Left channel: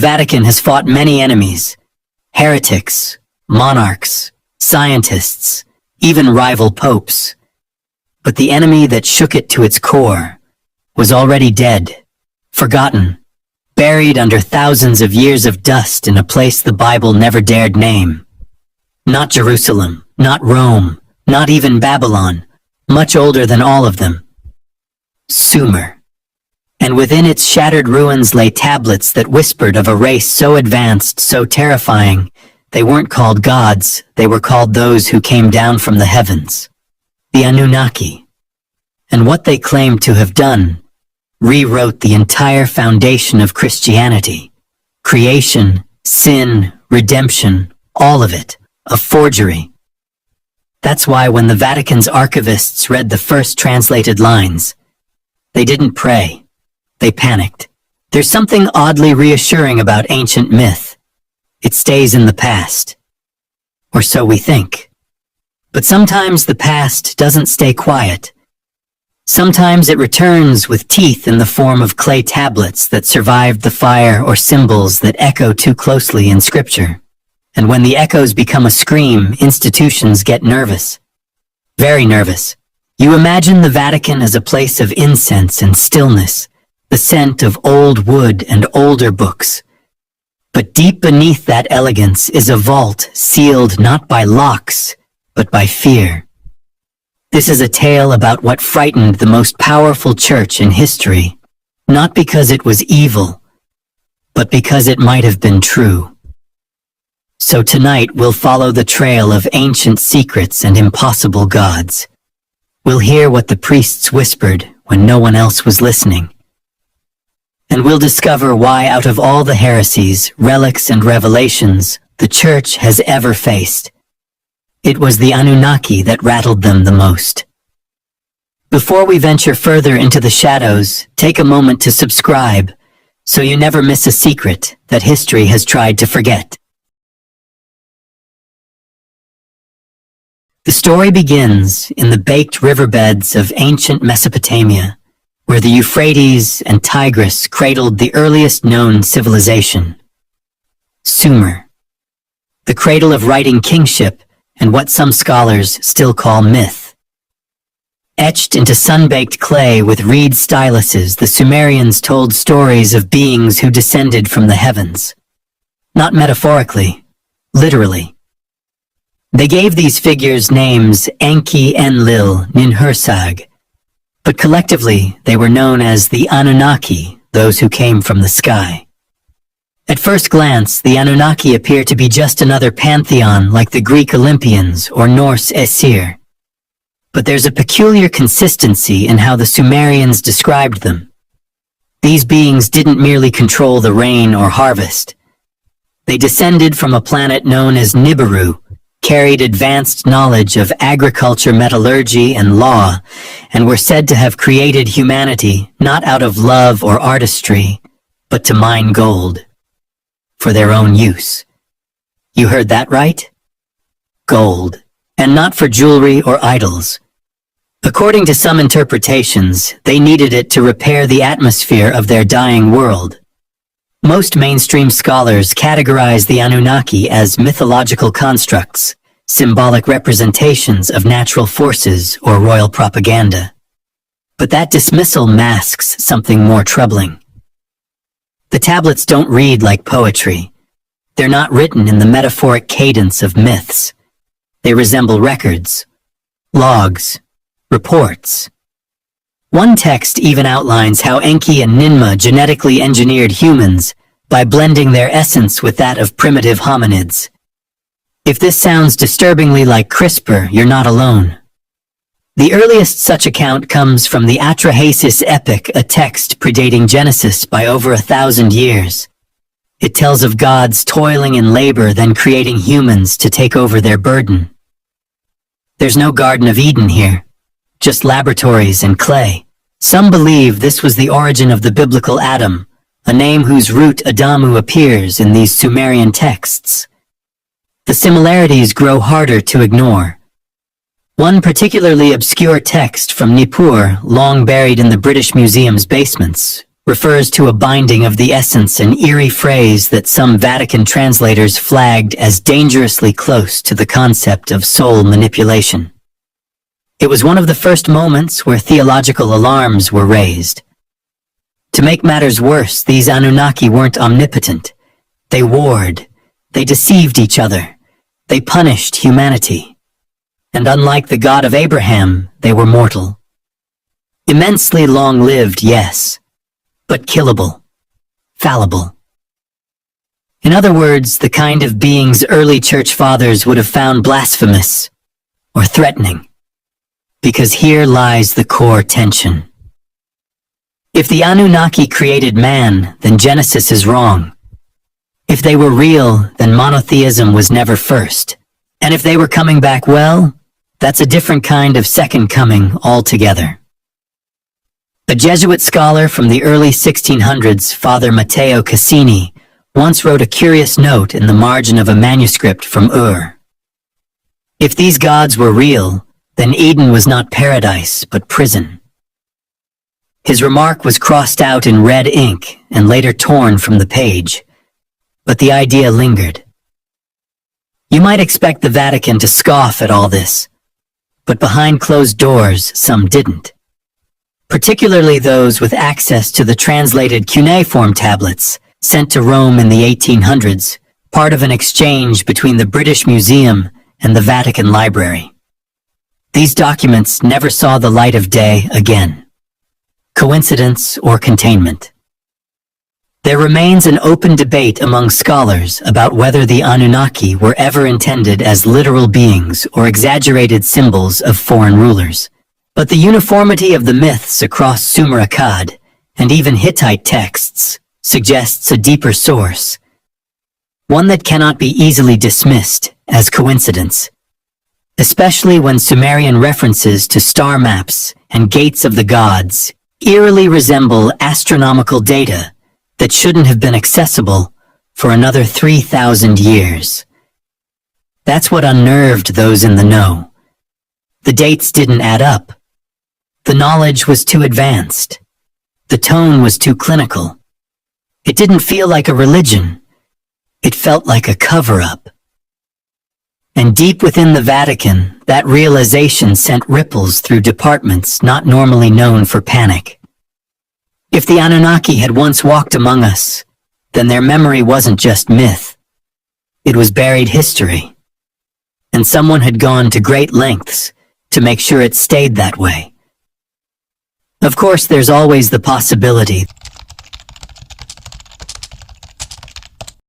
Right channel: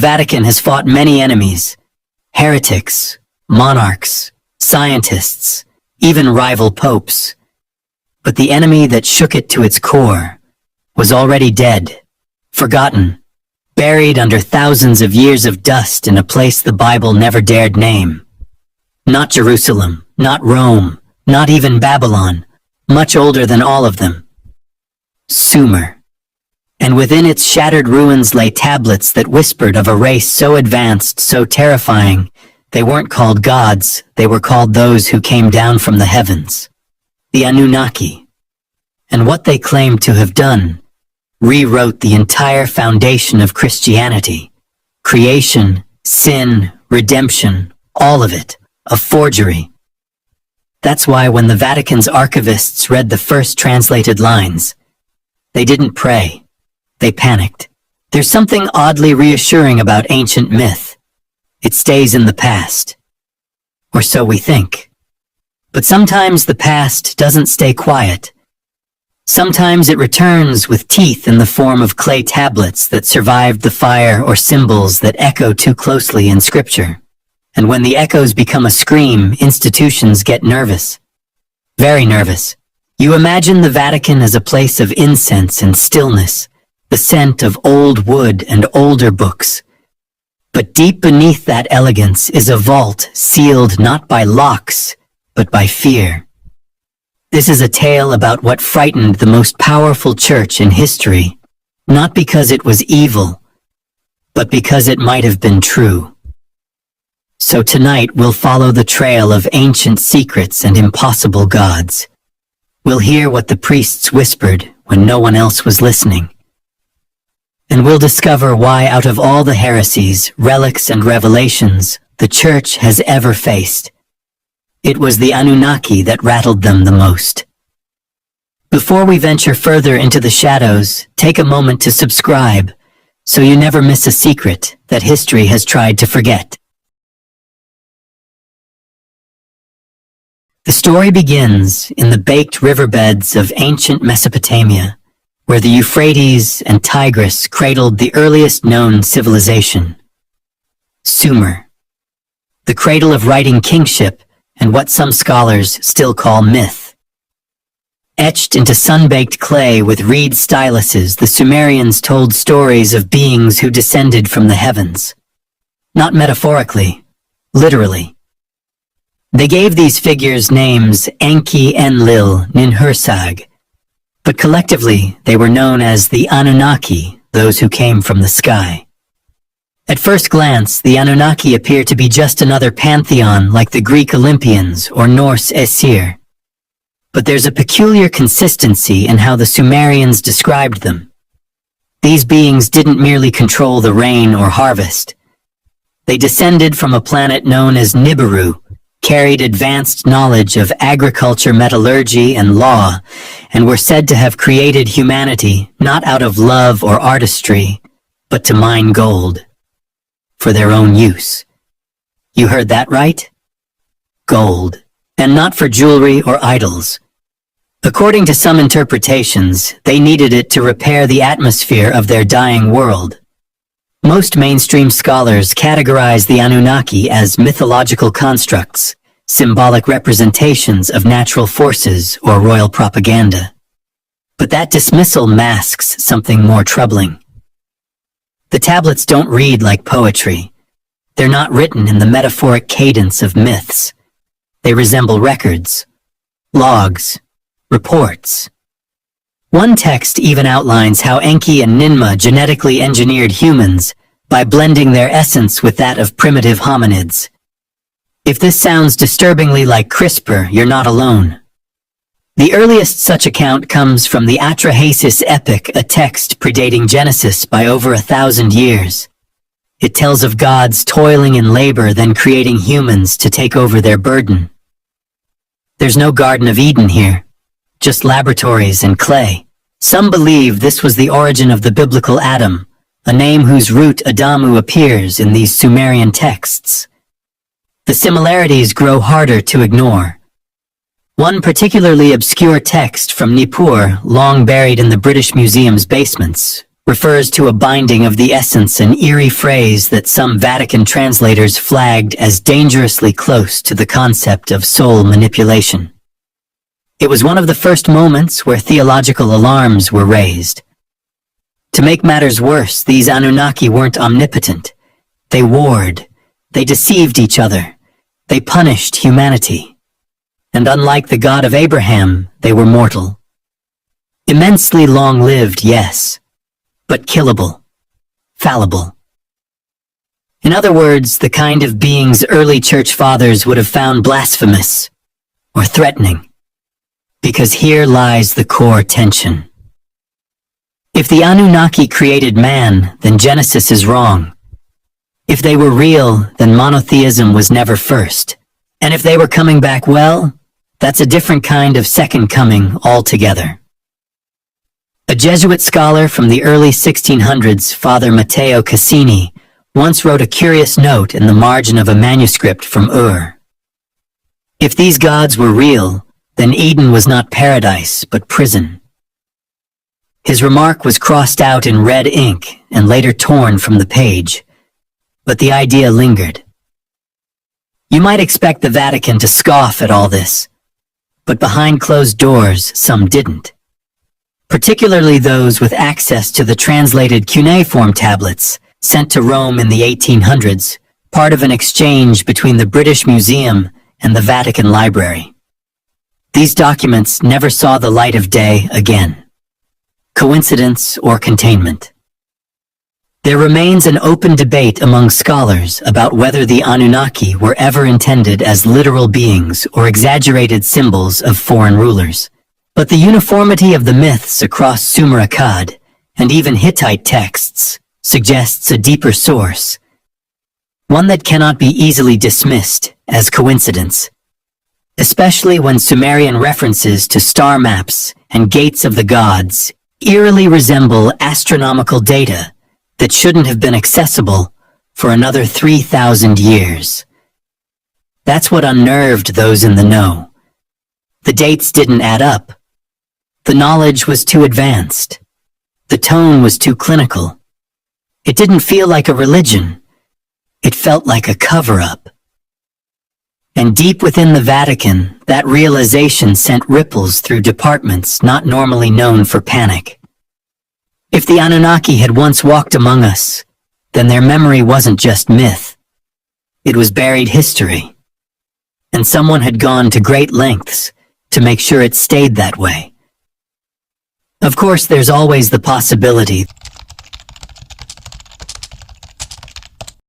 Vatican has fought many enemies: heretics, monarchs, scientists, even rival popes. But the enemy that shook it to its core was already dead, forgotten, buried under thousands of years of dust in a place the Bible never dared name. Not Jerusalem, not Rome, not even Babylon, much older than all of them. Sumer. And within its shattered ruins lay tablets that whispered of a race so advanced, so terrifying, they weren't called gods, they were called those who came down from the heavens, the Anunnaki. And what they claimed to have done rewrote the entire foundation of Christianity. Creation, sin, redemption, all of it, a forgery. That's why when the Vatican's archivists read the first translated lines, they didn't pray. They panicked. There's something oddly reassuring about ancient myth. It stays in the past. Or so we think. But sometimes the past doesn't stay quiet. Sometimes it returns with teeth in the form of clay tablets that survived the fire or symbols that echo too closely in scripture. And when the echoes become a scream, institutions get nervous. Very nervous. You imagine the Vatican as a place of incense and stillness, the scent of old wood and older books. But deep beneath that elegance is a vault sealed not by locks, but by fear. This is a tale about what frightened the most powerful church in history, not because it was evil, but because it might have been true. So tonight we'll follow the trail of ancient secrets and impossible gods. We'll hear what the priests whispered when no one else was listening. And we'll discover why out of all the heresies, relics, and revelations the Church has ever faced, it was the Anunnaki that rattled them the most. Before we venture further into the shadows, take a moment to subscribe so you never miss a secret that history has tried to forget. The story begins in the baked riverbeds of ancient Mesopotamia, where the Euphrates and Tigris cradled the earliest known civilization. Sumer, the cradle of writing kingship and what some scholars still call myth. Etched into sun-baked clay with reed styluses, the Sumerians told stories of beings who descended from the heavens. Not metaphorically, literally. They gave these figures names Enki, Enlil, Ninhursag, but collectively they were known as the Anunnaki, those who came from the sky. At first glance, the Anunnaki appear to be just another pantheon like the Greek Olympians or Norse Aesir. But there's a peculiar consistency in how the Sumerians described them. These beings didn't merely control the rain or harvest. They descended from a planet known as Nibiru, carried advanced knowledge of agriculture, metallurgy, and law, and were said to have created humanity not out of love or artistry, but to mine gold for their own use. You heard that right? Gold, and not for jewelry or idols. According to some interpretations, they needed it to repair the atmosphere of their dying world. Most mainstream scholars categorize the Anunnaki as mythological constructs, symbolic representations of natural forces or royal propaganda. But that dismissal masks something more troubling. The tablets don't read like poetry. They're not written in the metaphoric cadence of myths. They resemble records, logs, reports. One text even outlines how Enki and Ninmah genetically engineered humans by blending their essence with that of primitive hominids. If this sounds disturbingly like CRISPR, you're not alone. The earliest such account comes from the Atrahasis epic, a text predating Genesis by over 1,000 years. It tells of gods toiling in labor, then creating humans to take over their burden. There's no Garden of Eden here, just laboratories and clay. Some believe this was the origin of the biblical Adam, a name whose root Adamu appears in these Sumerian texts. The similarities grow harder to ignore. One particularly obscure text from Nippur, long buried in the British Museum's basements, refers to a binding of the essence, an eerie phrase that some Vatican translators flagged as dangerously close to the concept of soul manipulation. It was one of the first moments where theological alarms were raised. To make matters worse, these Anunnaki weren't omnipotent. They warred. They deceived each other. They punished humanity. And unlike the God of Abraham, they were mortal. Immensely long-lived, yes, but killable, fallible. In other words, the kind of beings early church fathers would have found blasphemous or threatening. Because here lies the core tension. If the Anunnaki created man, then Genesis is wrong. If they were real, then monotheism was never first. And if they were coming back, well, that's a different kind of second coming altogether. A Jesuit scholar from the early 1600s, Father Matteo Cassini, once wrote a curious note in the margin of a manuscript from Ur. If these gods were real, then Eden was not paradise, but prison. His remark was crossed out in red ink and later torn from the page, but the idea lingered. You might expect the Vatican to scoff at all this, but behind closed doors, some didn't. Particularly those with access to the translated cuneiform tablets sent to Rome in the 1800s, part of an exchange between the British Museum and the Vatican Library. These documents never saw the light of day again. Coincidence or containment? There remains an open debate among scholars about whether the Anunnaki were ever intended as literal beings or exaggerated symbols of foreign rulers. But the uniformity of the myths across Sumer Akkad and even Hittite texts suggests a deeper source, one that cannot be easily dismissed as coincidence, especially when Sumerian references to star maps and gates of the gods eerily resemble astronomical data that shouldn't have been accessible for another 3,000 years. That's what unnerved those in the know. The dates didn't add up. The knowledge was too advanced. The tone was too clinical. It didn't feel like a religion. It felt like a cover-up. And deep within the Vatican, that realization sent ripples through departments not normally known for panic. If the Anunnaki had once walked among us, then their memory wasn't just myth. It was buried history. And someone had gone to great lengths to make sure it stayed that way. Of course, there's always the possibility